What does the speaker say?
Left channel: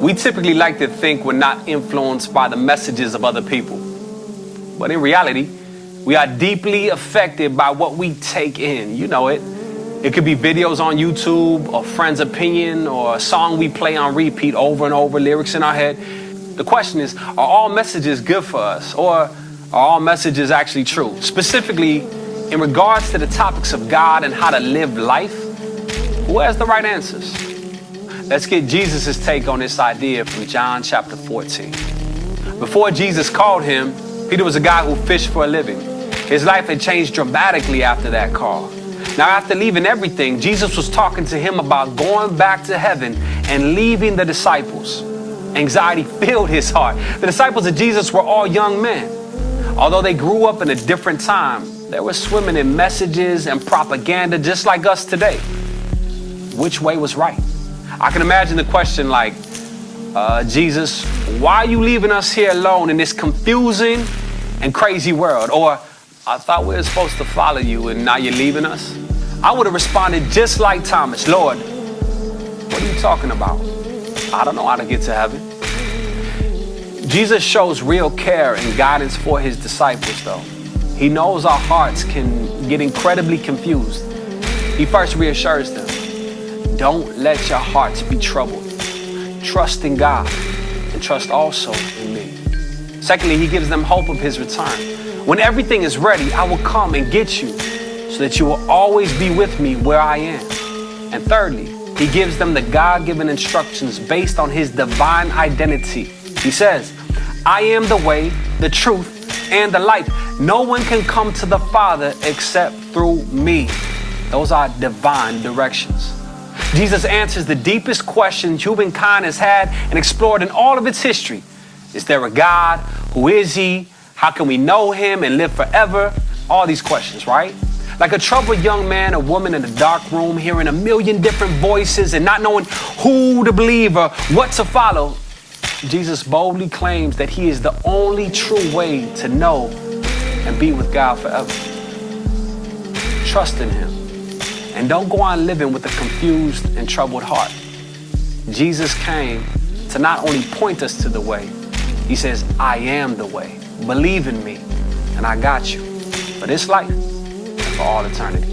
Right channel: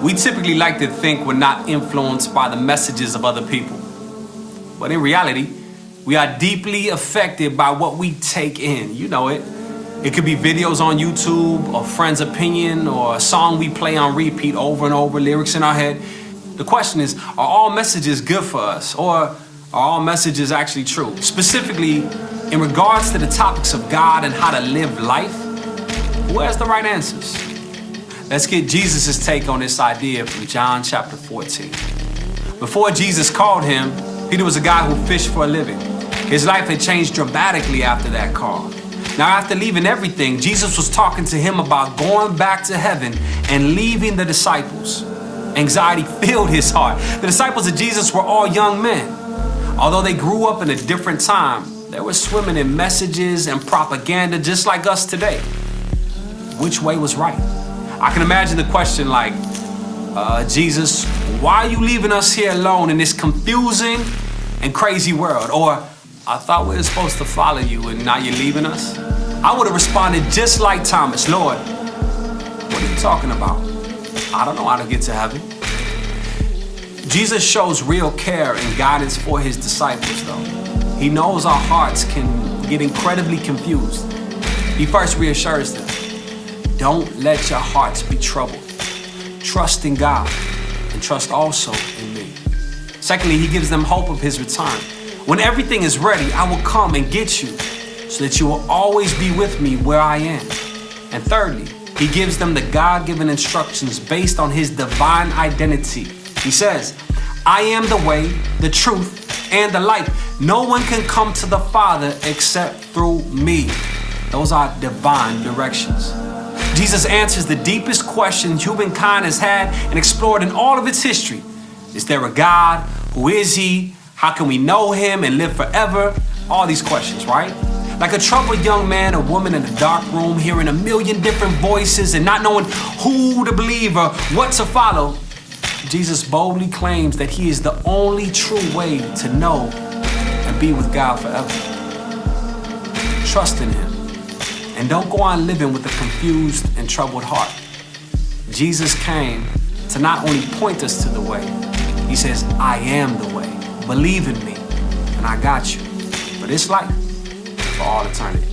We typically like to think we're not influenced by the messages of other people. But in reality, we are deeply affected by what we take in. You know it. It could be videos on YouTube, or friends' opinion, or a song we play on repeat over and over, lyrics in our head. The question is, are all messages good for us, or are all messages actually true? Specifically, in regards to the topics of God and how to live life, who has the right answers? Let's get Jesus' take on this idea from John chapter 14. Before Jesus called him, Peter was a guy who fished for a living. His life had changed dramatically after that call. Now, after leaving everything, Jesus was talking to him about going back to heaven and leaving the disciples. Anxiety filled his heart. The disciples of Jesus were all young men. Although they grew up in a different time, they were swimming in messages and propaganda just like us today. Which way was right? I can imagine the question like, Jesus, why are you leaving us here alone in this confusing and crazy world? Or, I thought we were supposed to follow you and now you're leaving us? I would have responded just like Thomas, Lord, what are you talking about? I don't know how to get to heaven. Jesus shows real care and guidance for his disciples, though. He knows our hearts can get incredibly confused. He first reassures them, don't let your hearts be troubled. Trust in God and trust also in me. Secondly, he gives them hope of his return. When everything is ready, I will come and get you so that you will always be with me where I am. And thirdly, he gives them the God-given instructions based on his divine identity. He says, I am the way, the truth, and the light. No one can come to the Father except through me. Those are divine directions. Jesus answers the deepest questions humankind has had and explored in all of its history. Is there a God? Who is he? How can we know him and live forever? All these questions, right? Like a troubled young man or woman in a dark room, hearing a million different voices and not knowing who to believe or what to follow, Jesus boldly claims that he is the only true way to know and be with God forever. Trust in him and don't go on living with a confused and troubled heart. Jesus came to not only point us to the way, he says, I am the way. Believe in me and I got you for this life, for all eternity.